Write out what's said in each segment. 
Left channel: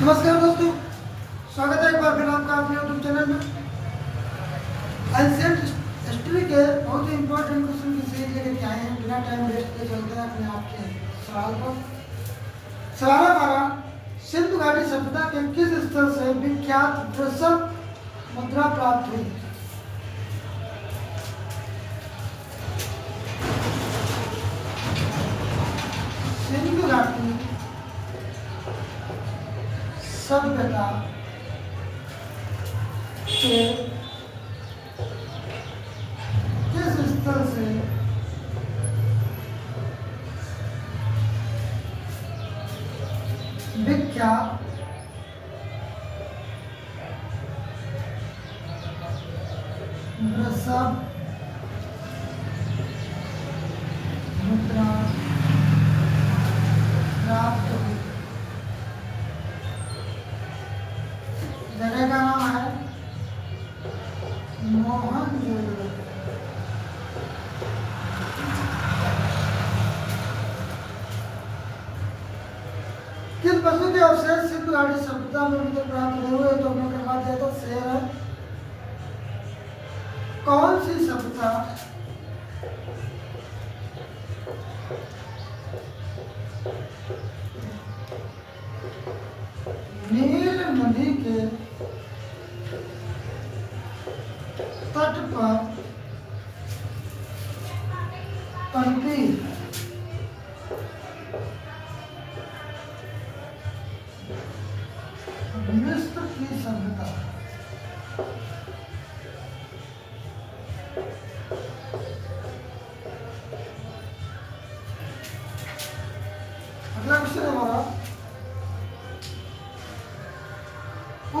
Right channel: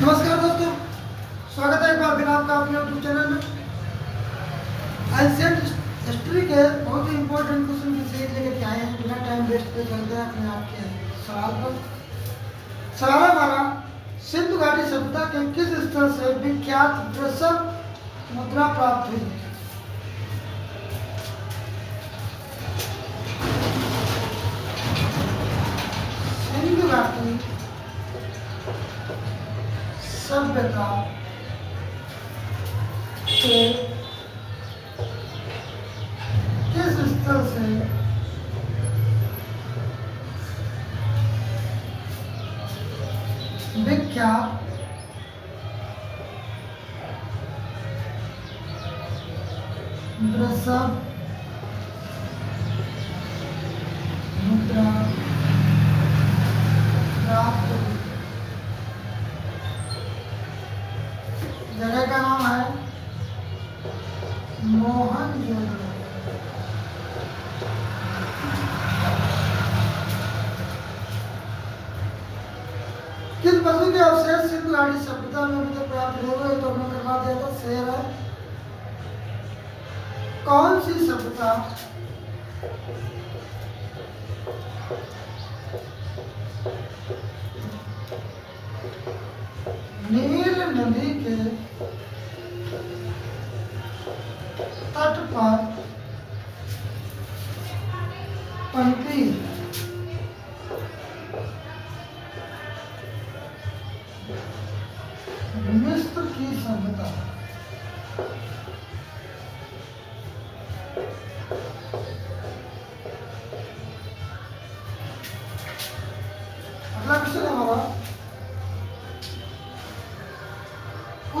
नमस्कार दोस्तों, स्वागत है एक बार फिर आपका अपने यूट्यूब चैनल में। एंशिएंट हिस्ट्री के बहुत ही इंपॉर्टेंट क्वेश्चन की सीरीज लेकर के आए हैं। बिना टाइम वेस्ट के चलते हैं अपने आपके सवाल पर। सवाल हमारा, सिंधु घाटी सभ्यता के किस स्थल से विख्यात वृषभ मुद्रा प्राप्त हुई? सिंधु घाटी सभ्यता के किस स्थल से विख्यात वृषभ मुद्रा प्राप्त हुई? जगह का नाम है मोहनजोदड़ो। किस वस्तु के अवशेष सिंधु घाटी सभ्यता में अभी तक प्राप्त नहीं हुए? तो हमने करवा दिया था, शेर है। कौन सी सभ्यता नील नदी के तट पर पनपी? मिस्र की सभ्यता। अगला क्वेश्चन है हमारा,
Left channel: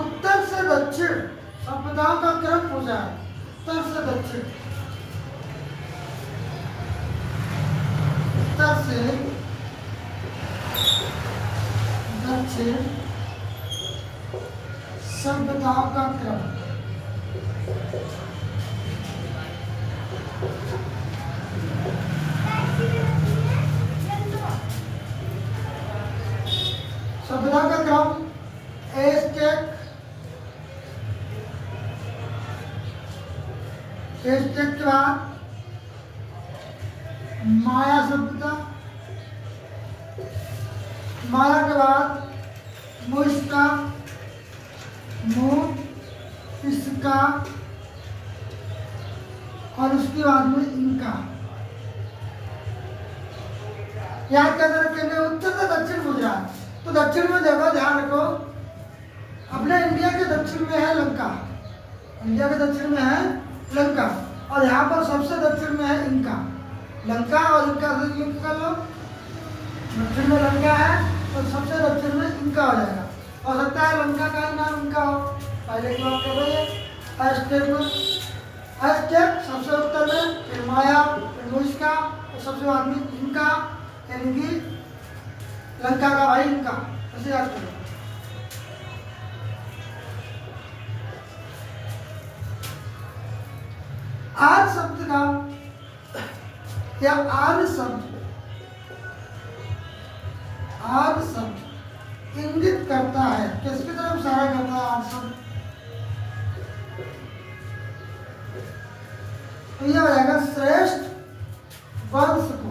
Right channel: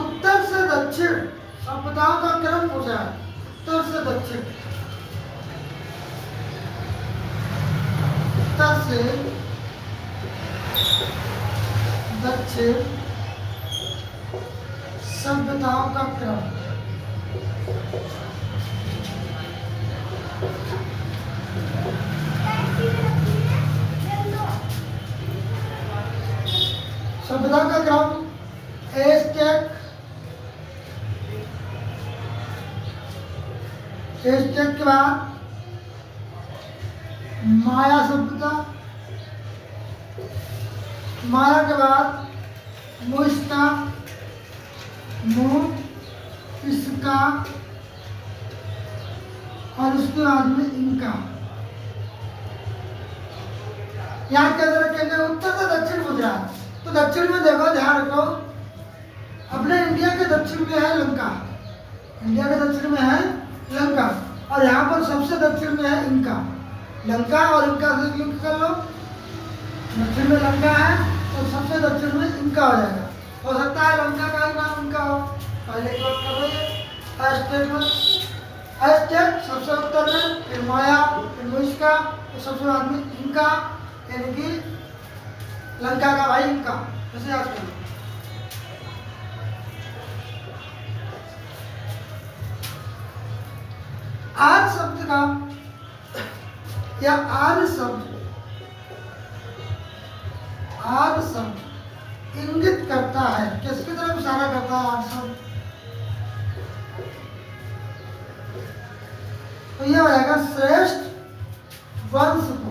उत्तर से दक्षिण सभ्यताओं का क्रम पूछा है। उत्तर से दक्षिण, उत्तर से दक्षिण सभ्यताओं का क्रम। सभ्यता का क्रम, एज़टेक, एज़टेक के बाद माया सभ्यता, माया के बाद मुइस्का, इसका, और उसके बाद में इनका। याद कैसे रखेंगे? उत्तर से दक्षिण गुजरात, तो दक्षिण में देखो, ध्यान रखो, अपने इंडिया के दक्षिण में है लंका। इंडिया के दक्षिण में है लंका, और यहाँ पर सबसे दक्षिण में है इनका। लंका और इनका से लिंक कर लो। दक्षिण में लंका है तो सबसे दक्षिण में इनका हो जाएगा। हो सकता है लंका का ही नाम इनका हो, पहले की बात कर रहे हैं। एज़टेक में, एज़टेक सबसे उत्तर में, फिर माया, फिर मुइस्का, और सबसे बाद में इनका, यानी कि लंका का भाई इनका। ऐसे याद करो। आर्य शब्द का या आर्य शब्द, आर्य शब्द इंगित करता है, किसकी तरफ इशारा करता है आर्य शब्द? तो यह हो जाएगा श्रेष्ठ वंश को।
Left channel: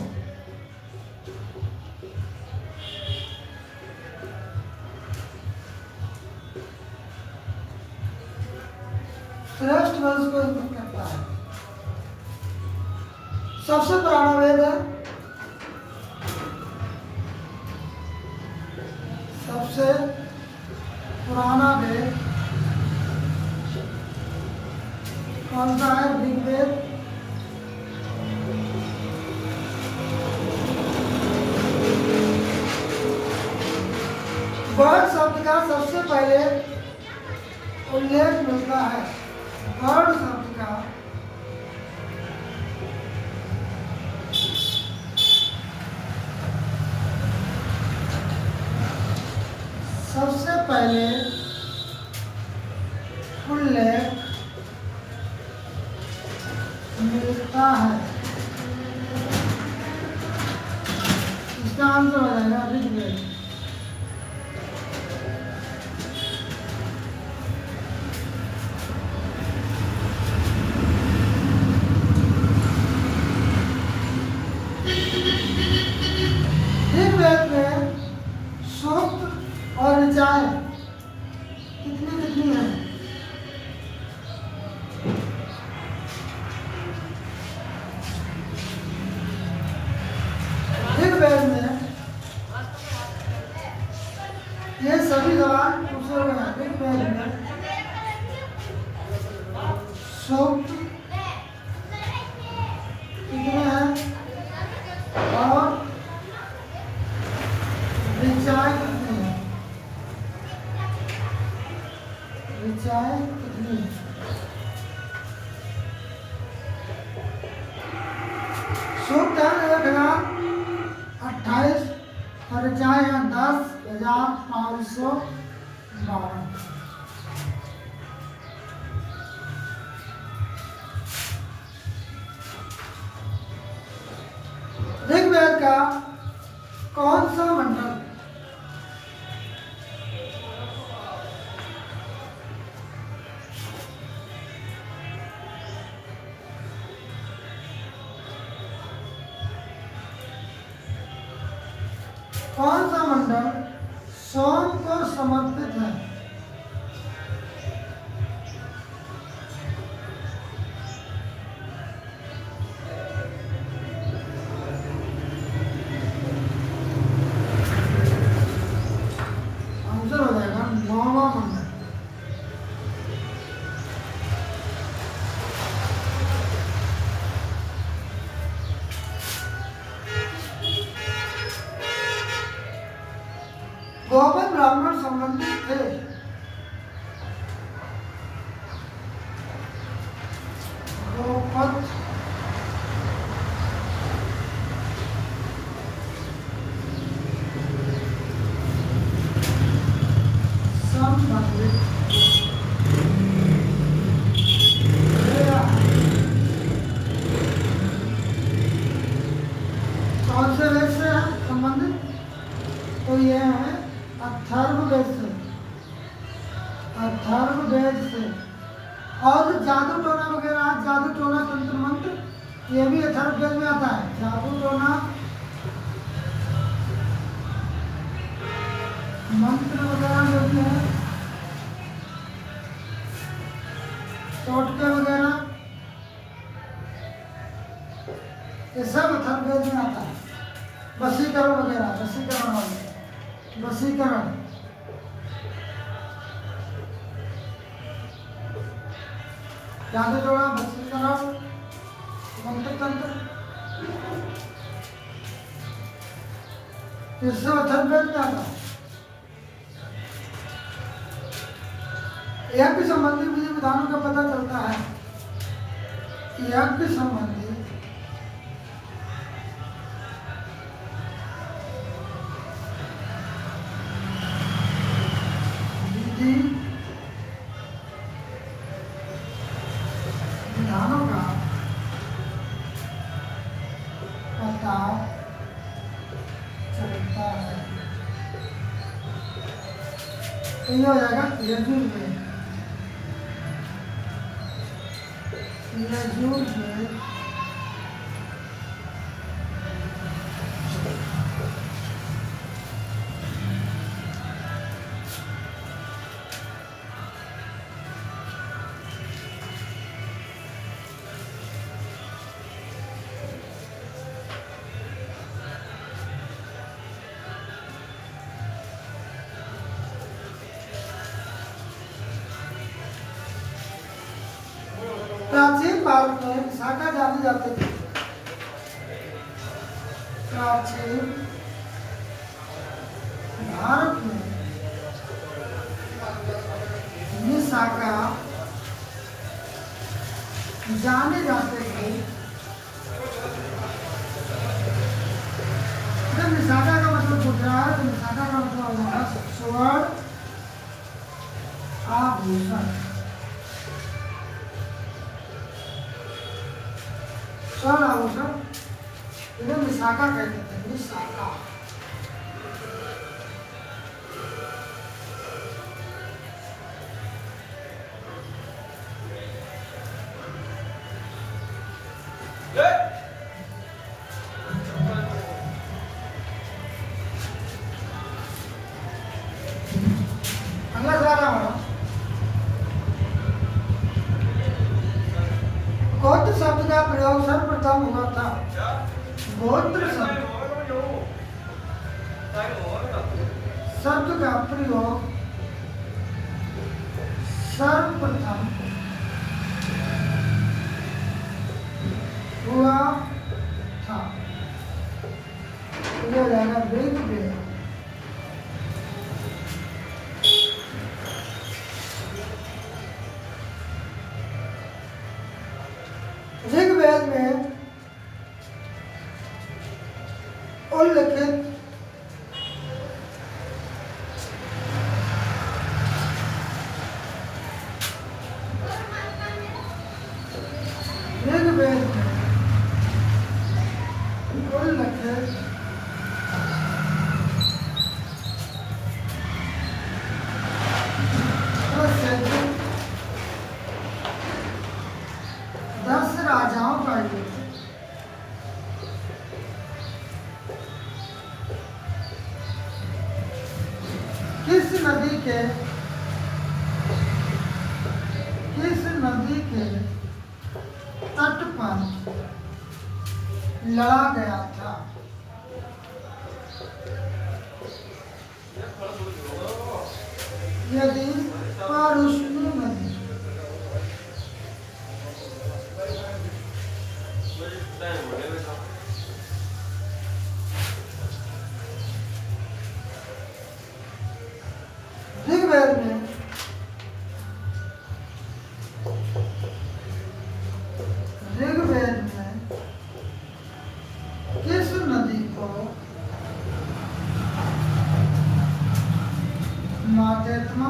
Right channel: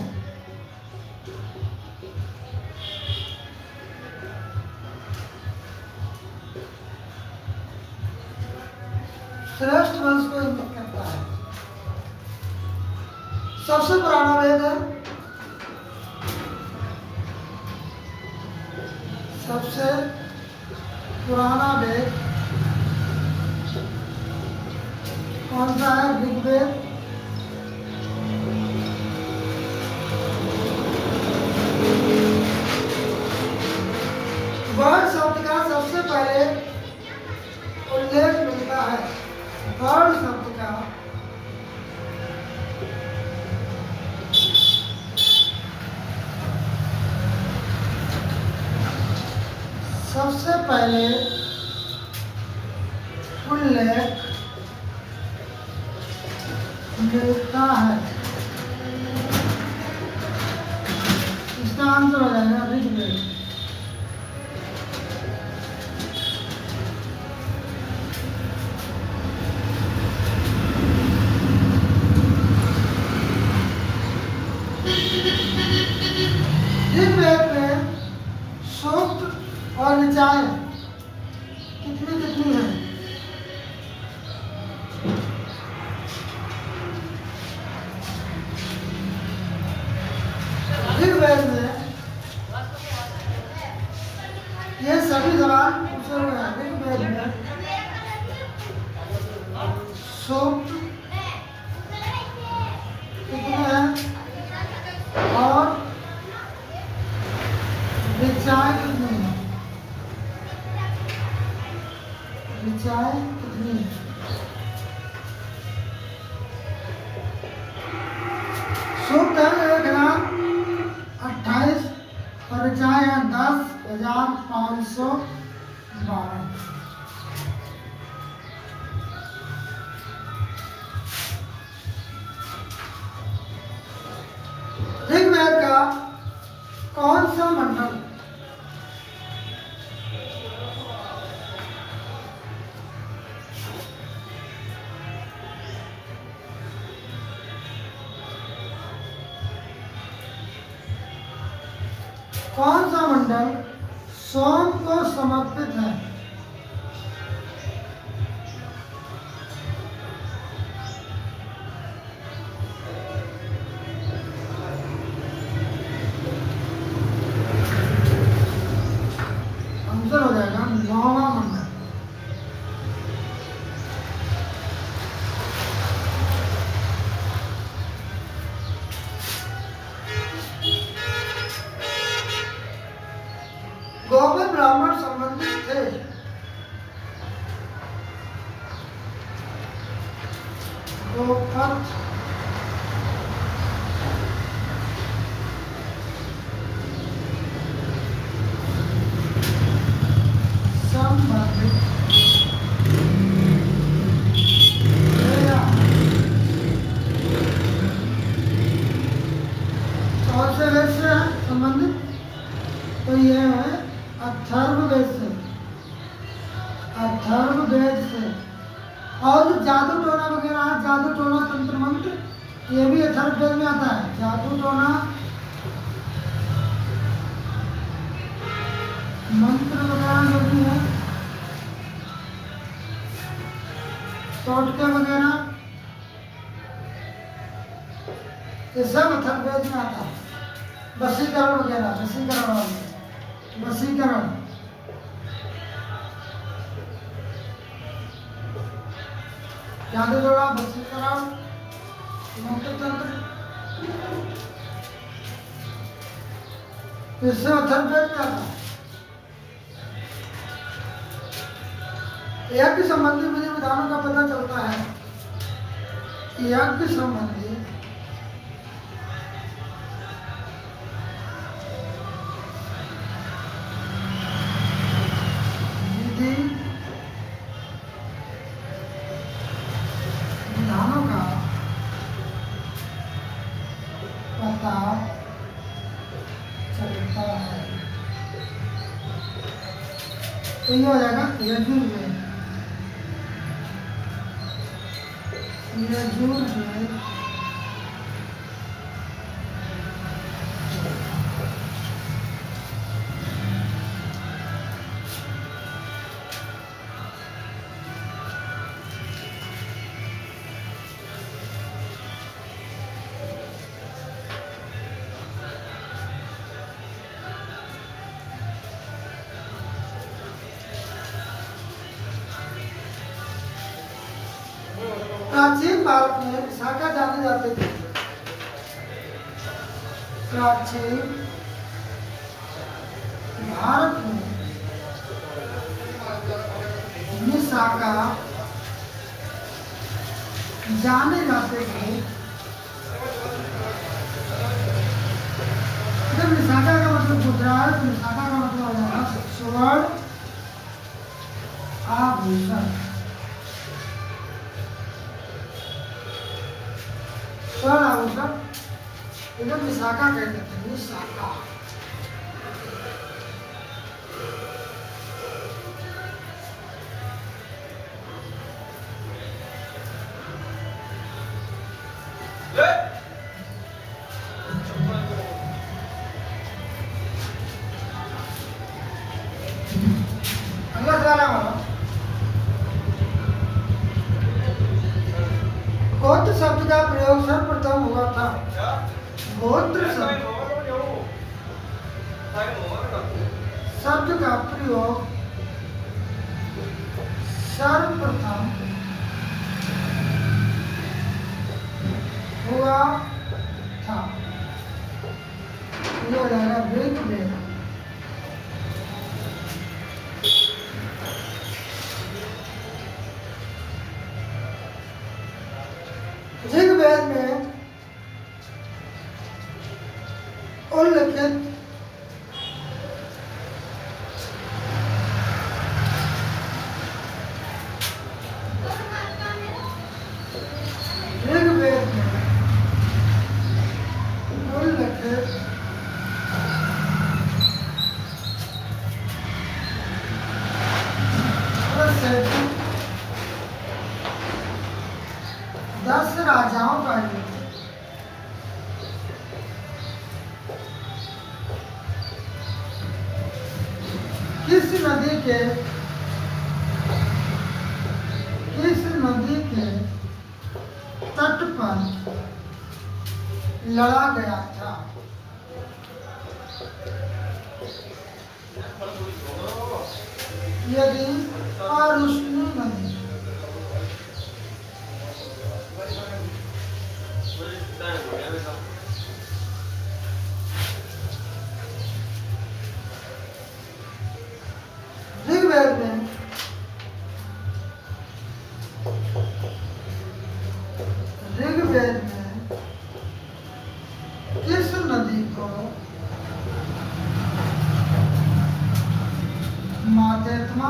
श्रेष्ठ वंश को इंगित करता है। सबसे पुराना वेद है, सबसे पुराना वेद कौन सा है? ऋग्वेद। वर्ण शब्द का सबसे पहले उल्लेख मिलता है। वर्ण शब्द का सबसे पहले उल्लेख मिलता है। इसका आंसर हो जाएगा ऋग्वेद। और ऋचाएं कितनी कितनी है? ऋग्वेद में ये सभी सवाल पूछे हुए हैं। ऋग्वेद में सूक्त कितने हैं और ऋचाएं कितनी हैं? ऋचाएं कितनी हैं? सूक्त है 1028 और ऋचाएं हैं 10,512। ऋग्वेद का कौन सा मंडल सोम को समर्पित है? आंसर हो जाएगा 9वां मंडल। गोपद ब्राह्मण संबंधित थे? गोपद संबंधित कौन से वेद से है संबंधित? तो ये है अथर्ववेद से। अथर्ववेद से। और जादू टोना वगैरह, जादू टोना तंत्र मंत्र, ये भी अथर्ववेद में आता है। जादू टोना मंत्र वगैरह जो भी है, टोटके वगैरह, ये सब अथर्ववेद में आता है। वशीकरण वगैरह, वशीकरण जादू टोना, वशीकरण, मंत्र तंत्र, ये सब अथर्ववेद में आता है। यज्ञ संबंधी विधि विधानों का पता चलता है। यज्ञ संबंधी विधि विधानों का पता चलता है। तो ये हो जाएगा यजुर्वेद। यजुर्वेद प्राचीन भारत में विशाखा जाने जाते थे। प्राचीन भारत में विशाखा जाने जाते थे। जब विशाखा का मतलब पूछ रहा है तो विशाखा का मतलब आ जाएगा स्वर्ण आभूषण। स्वर्ण आभूषण इधर विशाखा कहते थे। विशाखा बस वाला हमारा गोत्र शब्द का प्रयोग सर्वप्रथम हुआ था। गोत्र शब्द का प्रयोग सर्वप्रथम हुआ था। ये हो जाएगा ऋग्वेद। ऋग्वेद में उल्लिखित ऋग्वेद में उल्लिखित प्रसिद्ध 10 राजाओं का किस नदी के तट पर लड़ा गया था। यदि पारुष्णी नदी ऋग्वेद में किस नदी को मातेत्मा,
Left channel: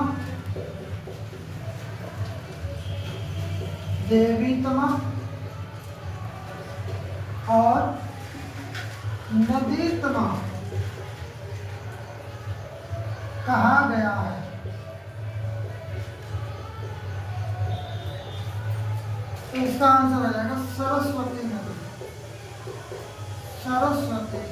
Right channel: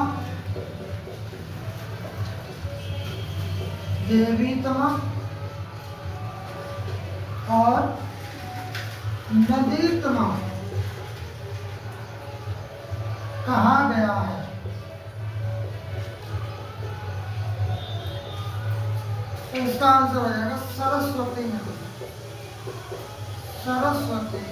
देवीत्मा और नदीत्मा कहा गया है? तो इसका आंसर हो जाएगा सरस्वती नदी। सरस्वती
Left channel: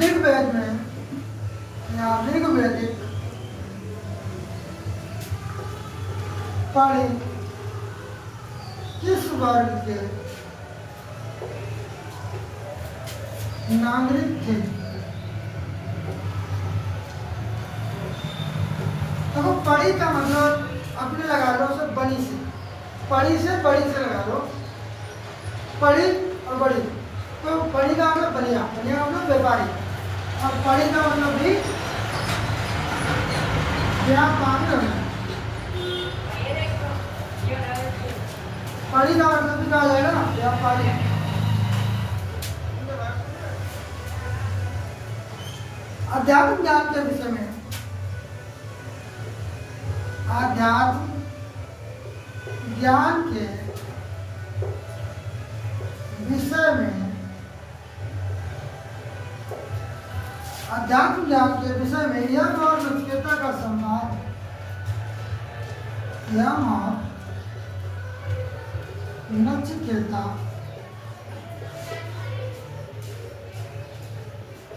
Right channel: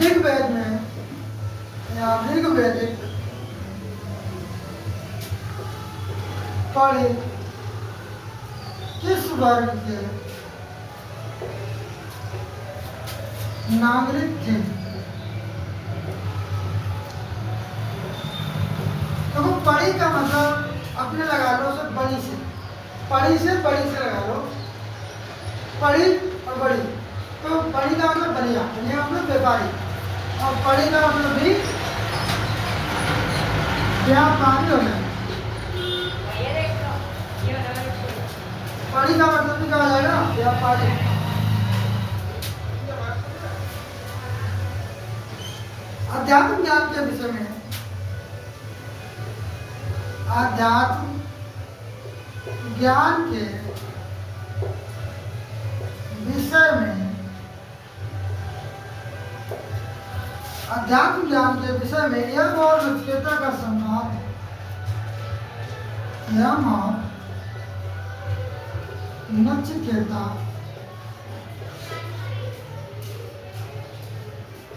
ऋग्वेद में या ऋग्वेदिक पढ़े किस वर्ग के नागरिक थे? तो पढ़ी का मतलब अपने लगा लो उसे बड़ी से, पढ़ी से बड़ी से लगा लो, पढ़ी और बड़ी। तो पढ़ी का मतलब बनिया, बनिया का मतलब व्यापारी, और पढ़ी का मतलब भी व्यापारी हो जाए। पढ़ी का मतलब भी कहा जाएगा व्यापारी। अध्यात्म ज्ञान के विषय में, अध्यात्म ज्ञान के विषय में, अध्यात्म ज्ञान के विषय में यम और नचिकेता का संवाद, यम और नचिकेता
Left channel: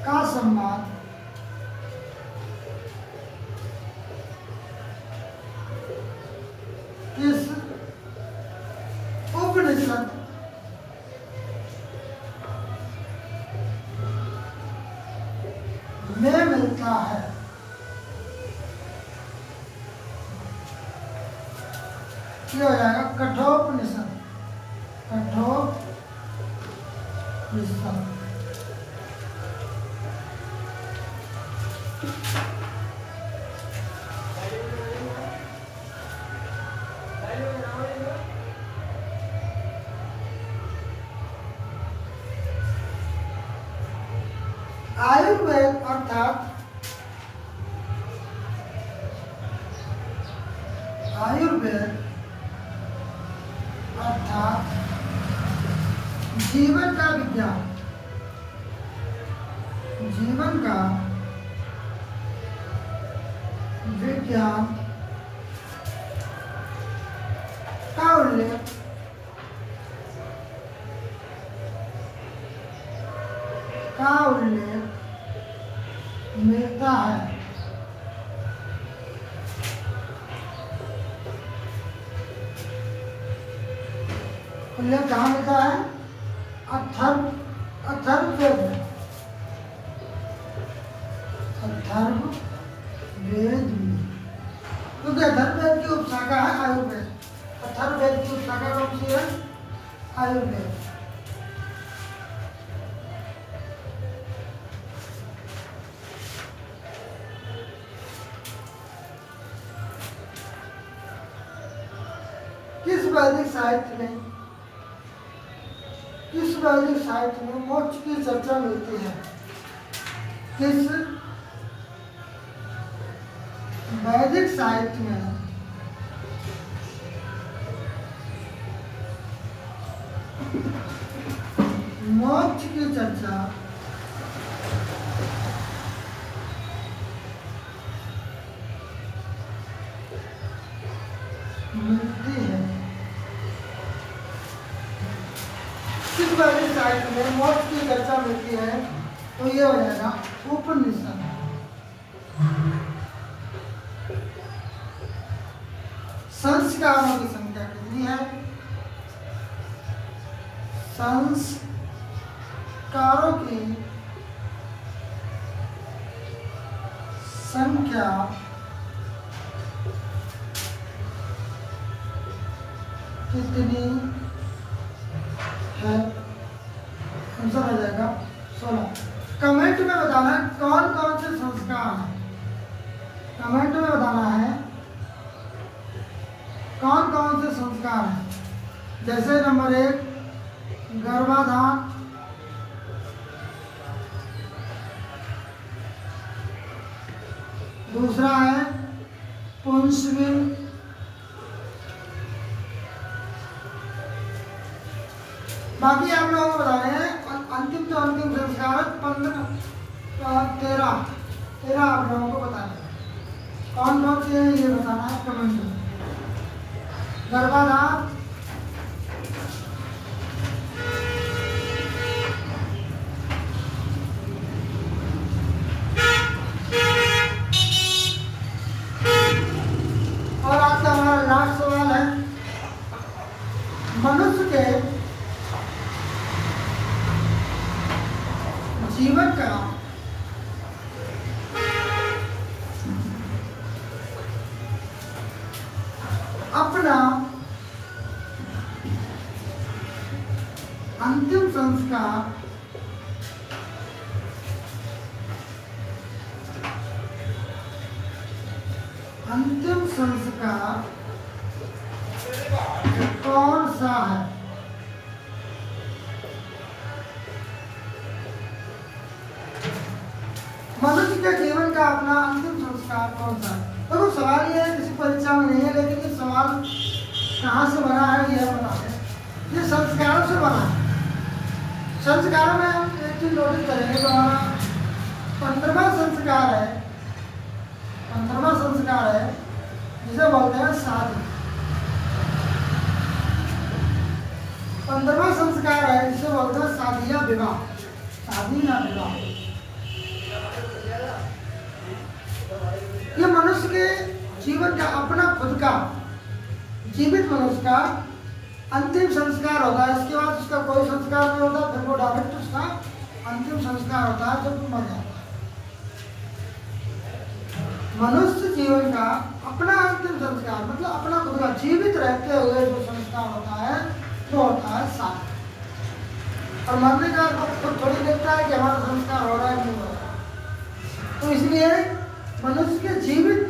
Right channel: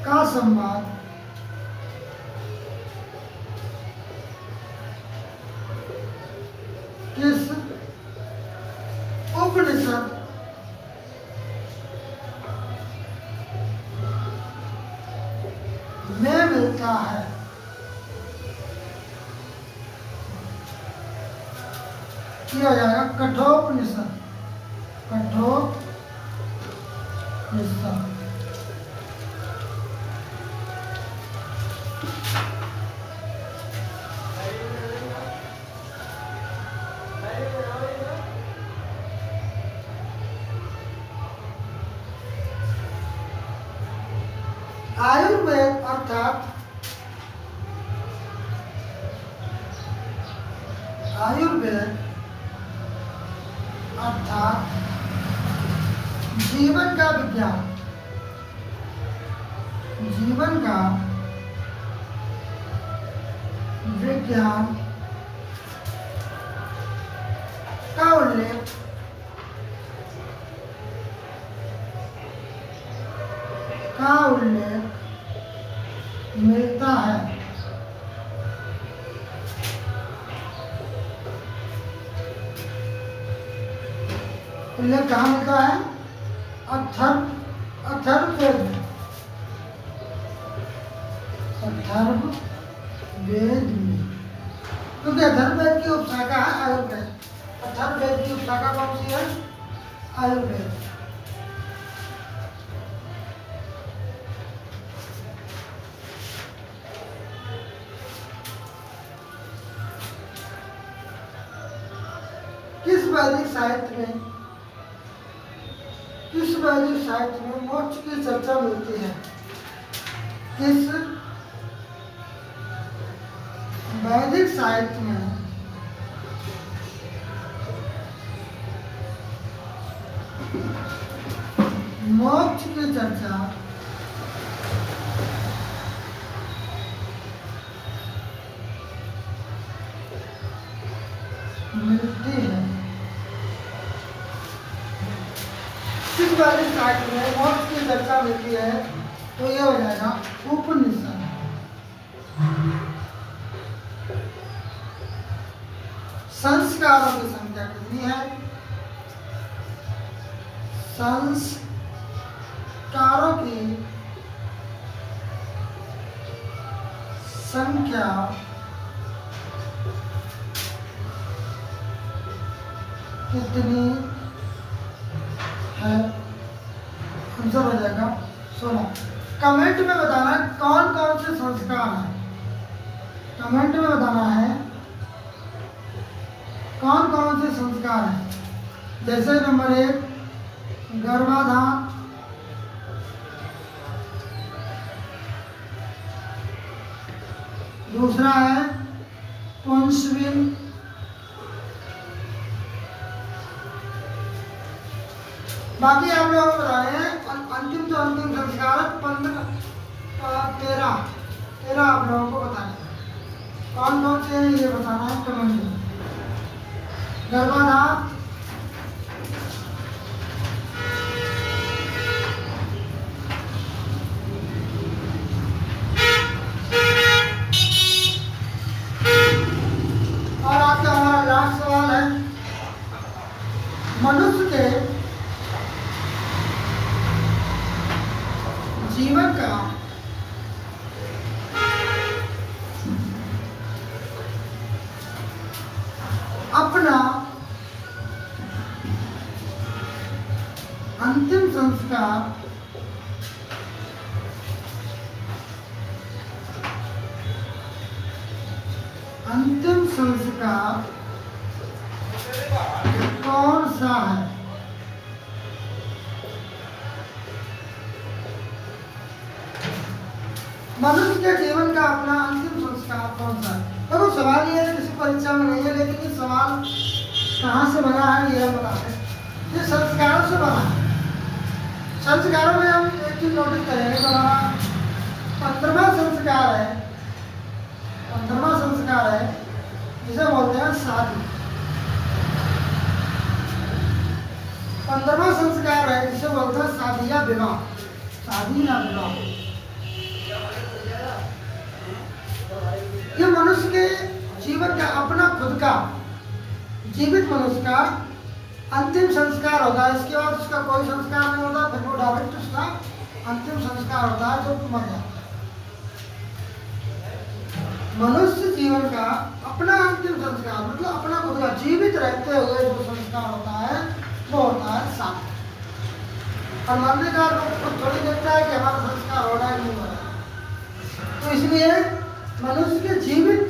का संवाद किस उपनिषद में मिलता है? ये हो जाएगा कठोपनिषद। कठोपनिषद आयुर्वेद अर्थात जीवन का विज्ञान, जीवन का विज्ञान का उल्लेख मिलता है। उल्लेख कहाँ मिलता है? अथर्ववेद में। अथर्ववेद में, क्योंकि अथर्ववेद की उपशाखा है आयुर्वेद। अथर्ववेद की उपशाखा कौन सी है? आयुर्वेद। किस वैदिक साहित्य में मोक्ष की चर्चा मिलती है? किस वैदिक साहित्य में मोक्ष की चर्चा मिलती है? किस वैदिक साहित्य में मोक्ष की चर्चा मिलती है? तो ये हो जाएगा उपनिषद। संस्कारों की संख्या कितनी है? संस्कारों की संख्या कितनी है? आंसर हो जाएगा 16। कमेंट में बताना है कौन कौन से संस्कार हैं। कमेंट में बताना है कौन कौन से संस्कार हैं। जैसे नंबर 1 गर्भाधान, दूसरा है पुंसविल, बाकी आप लोगों को बता रहे हैं अंतिम संस्कार 13 आप लोगों को बताना है। कौन कौन से ये बताना है कमेंट में। गर्भाधान, और आज का हमारा लास्ट सवाल है मनुष्य के जीवन का अपना अंतिम संस्कार कौन सा है? मनुष्य के जीवन का अपना अंतिम संस्कार कौन सा है? देखो सवाल ये है, किसी परीक्षा में नहीं है, लेकिन ये सवाल कहाँ से बना है यह बता है। ये संस्कारों से बना है। संस्कारों में हम एक चीज नोटिस करेंगे तो हमारा 15वां संस्कार है। 15वां संस्कार है जिसे बोलते हैं शादी। 15वां संस्कार है जिसे बोलते हैं शादी या विवाह। शादी या विवाह ये मनुष्य के जीवन का अपना खुद का जीवित मनुष्य का अंतिम संस्कार होता है। इसके बाद उसका कोई संस्कार नहीं होता, फिर वो डायरेक्ट उसका अंतिम संस्कार होता है जब मर जाता है। मनुष्य जीवन का अपना अंतिम संस्कार मतलब अपना खुद का जीवित रहते हुए जो संस्कार होता है वो होता है शादी। और मरने का खुद थोड़ी देखता है कि हमारा संस्कार हो रहा है नहीं हो रहा है। तो इसलिए मनुष्य के जीवित